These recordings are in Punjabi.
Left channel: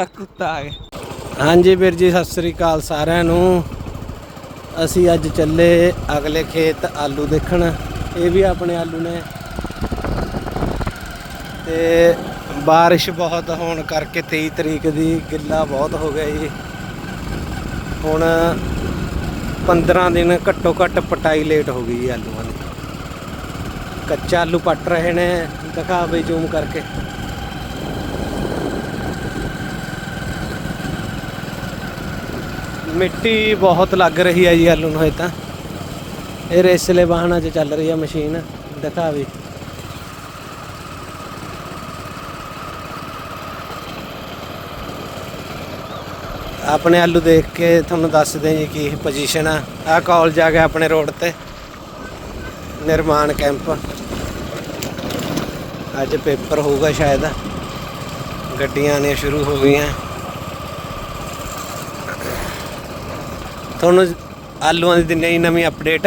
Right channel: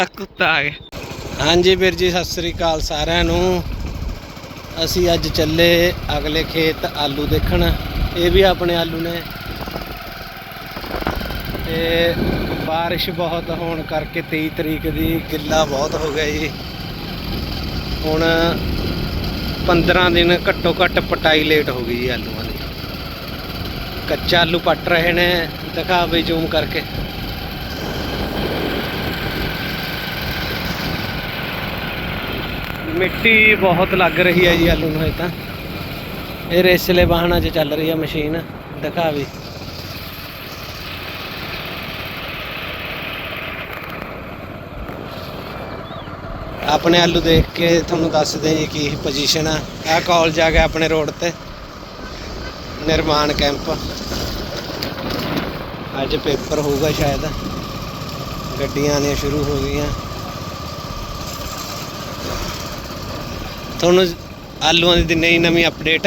ਆ ਕੁੱਤਾ ਆ ਗਿਆ ਹਾਂਜੀ ਵੀਰ ਜੀ, ਸਤਿ ਸ੍ਰੀ ਅਕਾਲ ਸਾਰਿਆਂ ਨੂੰ। ਅਸੀਂ ਅੱਜ ਚੱਲੇ ਅਗਲੇ ਖੇਤ ਆਲੂ ਦੇਖਣ। ਇਹ ਵੀ ਆਪਣੇ ਆਲੂ ਨੇ। ਤੇ ਬਾਰਿਸ਼ ਬਹੁਤ ਹੋਣ ਕਰਕੇ 23 ਤਰੀਕ ਦੀ ਗਿੱਲਾ ਬਹੁਤ ਹੋ ਗਿਆ ਜੀ। ਹੁਣ 15 ਦਿਨ ਘੱਟੋ ਘੱਟ ਪਟਾਈ ਲੇਟ ਹੋ ਗਈ ਜੀ ਆਲੂਆਂ ਦੀ। ਕੱਚਾ ਆਲੂ ਪੱਟ ਰਹੇ ਨੇ। ਦਿਖਾ ਬਈ ਜ਼ੂਮ ਕਰਕੇ। ਮਿੱਟੀ ਬਹੁਤ ਲੱਗ ਰਹੀ ਹੈ ਜੀ ਆਲੂ ਨੂੰ ਇਹ ਤਾਂ। ਇਹ ਰੇਸਲੇ ਵਾਹਨਾਂ 'ਚ ਚੱਲ ਰਹੀ ਹੈ ਮਸ਼ੀਨ, ਦਿਖਾ ਵੀ। ਆਪਣੇ ਆਲੂ ਦੇਖ ਕੇ ਤੁਹਾਨੂੰ ਦੱਸਦੇ ਜੀ ਕੀ ਪੋਜੀਸ਼ਨ ਆ। ਆਹ ਕਾਲਜ ਆ ਗਿਆ ਆਪਣੇ ਰੋਡ ਤੇ, ਨਿਰਮਾਣ ਕੈਂਪ ਅੱਜ ਪੇਪਰ ਹੋਊਗਾ ਸ਼ਾਇਦ। ਗੱਡੀਆਂ ਨੇ ਸ਼ੁਰੂ ਹੋ ਗਈਆਂ। ਤੁਹਾਨੂੰ ਆਲੂਆਂ ਦੀ ਦਿਨੇ ਹੀ ਨਵੀਂ ਅਪਡੇਟ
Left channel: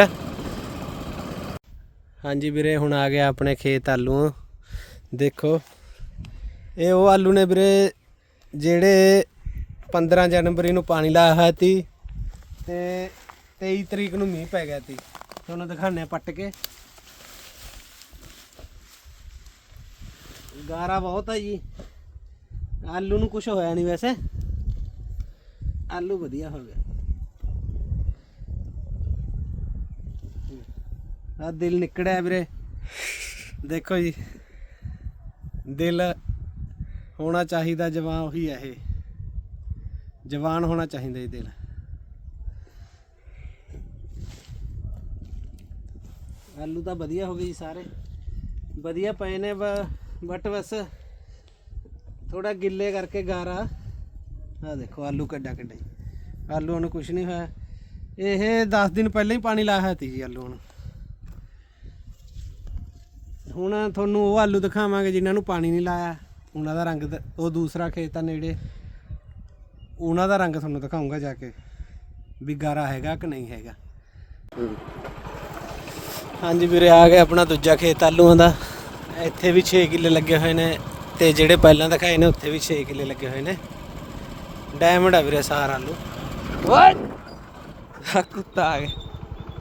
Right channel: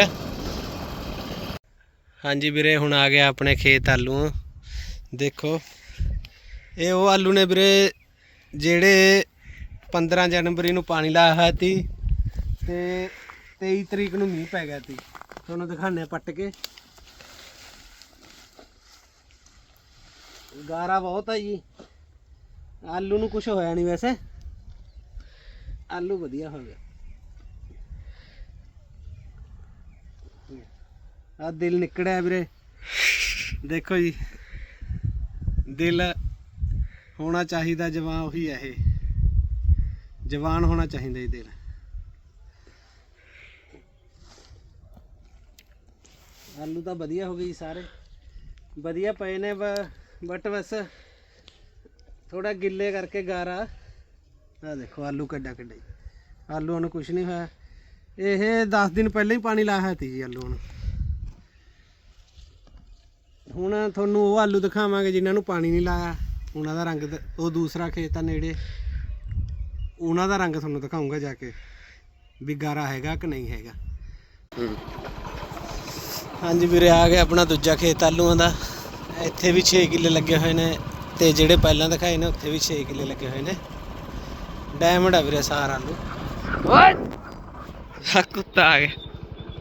ਹਾਂਜੀ ਵੀਰੇ, ਹੁਣ ਆ ਗਿਆ ਆਪਣੇ ਖੇਤ ਆਲੂ। ਦੇਖੋ, ਇਹ ਉਹ ਆਲੂ ਨੇ ਵੀਰੇ, ਜਿਹੜੇ 15 ਜਨਵਰੀ ਨੂੰ ਪਾਣੀ ਲਾਇਆ ਹੋਇਆ ਸੀ ਤੇ 23 ਤਰੀਕ ਨੂੰ ਮੀਂਹ ਪੈ ਗਿਆ ਸੀ। ਤੁਹਾਨੂੰ ਦਿਖਾਣੇ ਪੱਟ ਕੇ। ਗਾਰਾ ਬਹੁਤ ਆ ਜੀ। ਆਲੂ ਨੂੰ ਕੁਝ ਹੋਇਆ ਨਹੀਂ ਵੈਸੇ। ਆਲੂ ਵਧੀਆ ਹੋ ਗਿਆ ਆ ਦਿਲ ਨਿਕੜਿਆ ਵੀਰੇ। ਦੇਖੋ ਜੀ, ਦਿਲ ਹੋਣਾ ਚਾਹੀਦਾ, ਜਵਾਨ ਉਹੀ ਹੈ ਇਹ। ਜਵਾਨ ਹੋਣਾ ਚਾਹੀਦਾ ਇਹ ਦਿਲ। ਆਲੂ ਤਾਂ ਵਧੀਆ ਹੋ ਗਈ ਜੀ ਸਾਰੇ। ਵਧੀਆ ਪਏ ਨੇ ਬਟ ਬਸ ਥੋੜਾ ਗਿੱਲੇ ਕਰਕੇ ਗਾਰਾ। ਆ ਦੇਖੋ, ਆਲੂ ਕੱਡਾ ਕੱਡਾ ਆਲੂ ਆਲੂਆਂ ਨੂੰ ਕੁਝ ਨਹੀਂ ਹੋਇਆ। ਇਹ 10 ਦਿਨ ਪਹਿਲਾਂ ਹੀ ਪਾਣੀ ਲਾਇਆ ਹੋਇਆ ਸੀ ਜੀ ਆਲੂ ਨੂੰ ਹੁਣ ਤੁਹਾਨੂੰ ਉਹ ਆਲੂ ਦਿਖਾਵਾਂਗੇ ਜਿਨ੍ਹਾਂ ਨੂੰ ਪਾਣੀ ਨਹੀਂ ਲਾਇਆ। ਉਹਨਾਂ ਦਾ ਰੰਗ ਦ- ਉਹ ਦੂਸਰਾ ਖੇਤ ਆ ਨੇੜੇ। ਉਹਨਾਂ ਦਾ ਰੰਗ ਤੁਹਾਨੂੰ ਦਿਖਾਉਂਗਾ ਜਾ ਕੇ ਵੀ ਗਾਰਾ ਹੈਗਾ ਕਿ ਨਹੀਂ ਹੈਗਾ। ਹਾਂਜੀ ਵੀਰੇ ਆ ਗਿਆ ਆਪਣਾ ਦੂਜਾ ਖੇਤ ਆਲੂਆਂ ਦਾ। ਇੱਥੇ ਵੀ 6 ਕਿੱਲੇ ਲੱਗੇ ਹੋਏ ਨੇ ਤੇ ਜਿਹੜੇ ਪਹਿਲਾਂ ਦਿਖਾਏ ਨੇ ਉੱਥੇ ਵੀ 6 ਕਿੱਲੇ ਲੱਗੇ ਹੋਏ ਨੇ। ਡਾਇਮੰਡ ਆ ਵੀਰੇ ਸਾਰਾ ਆਲੂ। ਆ ਕੁੱਤਾ ਆ ਗਿਆ।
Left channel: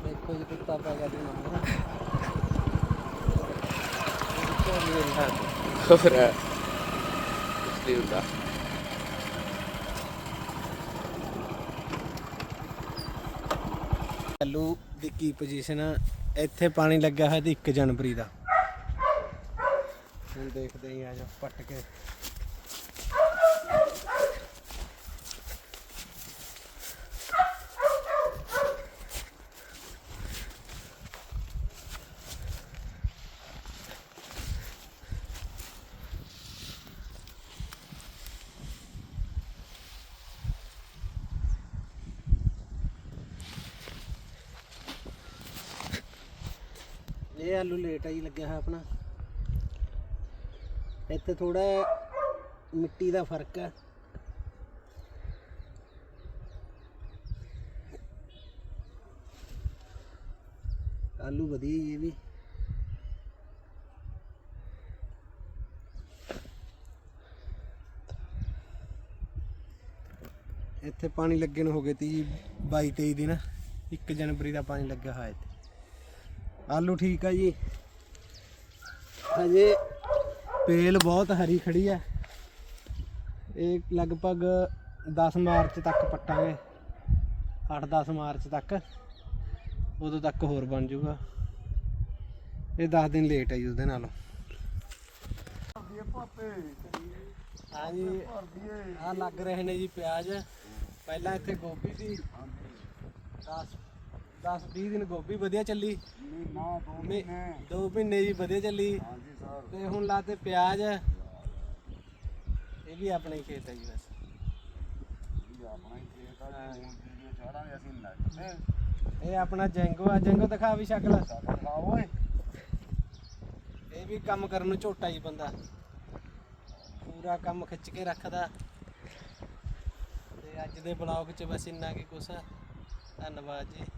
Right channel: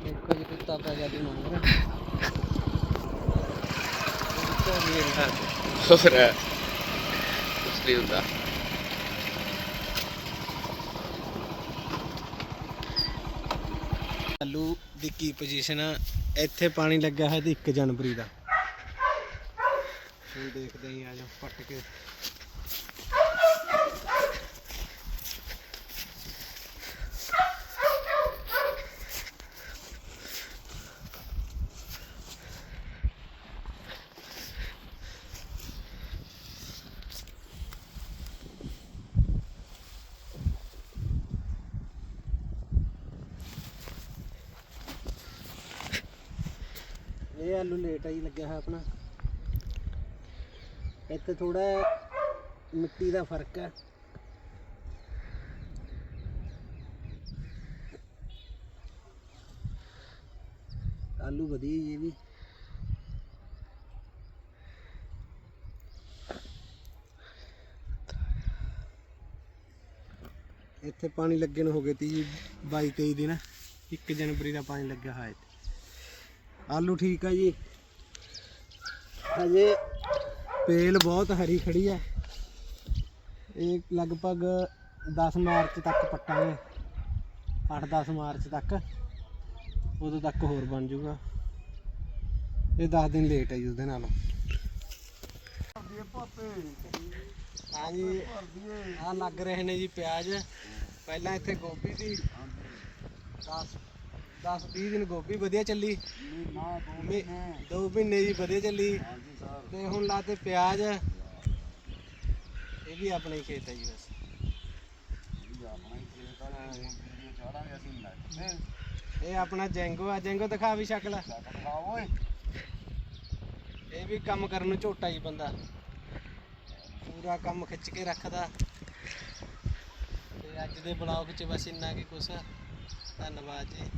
ਦੇਖੋ ਜੀ ਕੁੱਤਾ ਪੈ ਗਿਆ ਨੰਬਰ ਹੋਰ ਕੁਛ ਨਹੀਂ ਹੁੰਦਾ ਆਲੂ ਦੀ ਕੀ ਪੋਜੀਸ਼ਨ ਆ? ਇੱਥੇ ਪਾਣੀ ਲੱਗਾ ਹੈ ਤੇ 1 ਜਨਵਰੀ ਦਾ। ਹੁਣ ਦੇਖਦੇ ਹੀ ਆ ਜਾ ਪੱਟ ਕੇ। ਇਹ ਆਲੂ ਲੇਟ ਆ ਜੀ, ਲੱਗਿਆ ਹੋਇਆ ਆਪਣਾ। ਇੱਥੇ ਥੋੜਾ ਮਿੱਟੀ ਦਾ ਫ਼ਰਕ ਹੈ ਆਲੂ ਵਧੀਆ ਜੀ ਇਹ ਵੀ। ਇੱਥੇ ਪਾਣੀ ਲੱਗੇ ਨੂੰ ਹੋ ਗਏ ਤੀ 22 23 ਦਿਨ। 1 ਜਨਵਰੀ ਦਾ ਪਾਣੀ ਲੱਗਿਆ ਹੋਇਆ ਇੱਥੇ। ਆਲੂ ਠੀਕ ਆ ਜੀ। ਹਜੇ ਪੇਲ ਬਹੁਤ ਹਰੀ ਖੜੀ ਹੈ ਇਹ ਲਗਭਗ 10 ਮਾਰਚ ਤੱਕ ਪੱਟਾਂਗੇ। 8-10 ਮਾਰਚ ਤੱਕ। ਉਦੋਂ ਤੱਕ ਹੋਰ ਬਣ ਜਾਊਗਾ। ਇਹ 10 ਦਿਨ ਲੇਟ ਹੈ ਜੀ ਉਹਦੇ ਨਾਲੋਂ। ਹਾਂ ਜੀ ਆ ਲੱਗ ਰਹੇ ਨੇ ਜੀ ਪਿਆਜ਼। ਪਹਿਲਾਂ ਇੱਥੇ ਗੋਭੀ ਸੀ। 10 10 20 ਦਿਨ ਗੋਭੀ ਵਧੀਆ ਚੱਲੀ। ਨਾ ਦੋ ਮੇ- ਦੋ ਮਹੀਨੇ ਜੀ ਵਧੀਆ ਚੱਲੀ। ਹਾਂਜੀ ਸਰ। ਤੇ ਹੁਣ ਲਾਤੇ ਪਿਆਜ਼। ਇਹ ਵੀ ਆਪਣੇ ਖੇਤ ਹੈ ਜੀ ਬਸ। ਇਹ ਆਪਣਾ ਹੀ ਖੇਤ ਆ ਜੀ। ਹੁਣ ਵੀਡੀਓ ਚਾੜਾਂਗੇ ਅਸੀਂ ਨੈਟ ਤੇ। ਇਹ ਆਪਣਾ ਜੈਂਗੋ ਆ। ਜੈਂਗੋ ਦਿਖਾ ਵੀ ਸ਼ਕਲ। ਓਏ। ਇਹ ਵੀ ਕੰਮ ਕਰਨ ਨੂੰ ਝੋਟਾ ਜੀ ਬੰਦਾ। ਪੂਰਾ ਕੰਮ ਖਿੱਚ ਕੇ ਰੱਖਦਾ। ਤੇ ਅੱਜ ਦੇ ਬਲੌਗ 'ਚ ਬਸ ਇੰਨਾ ਕੀ ਕੁਛ। ਧੰਨਵਾਦ ਜੀ।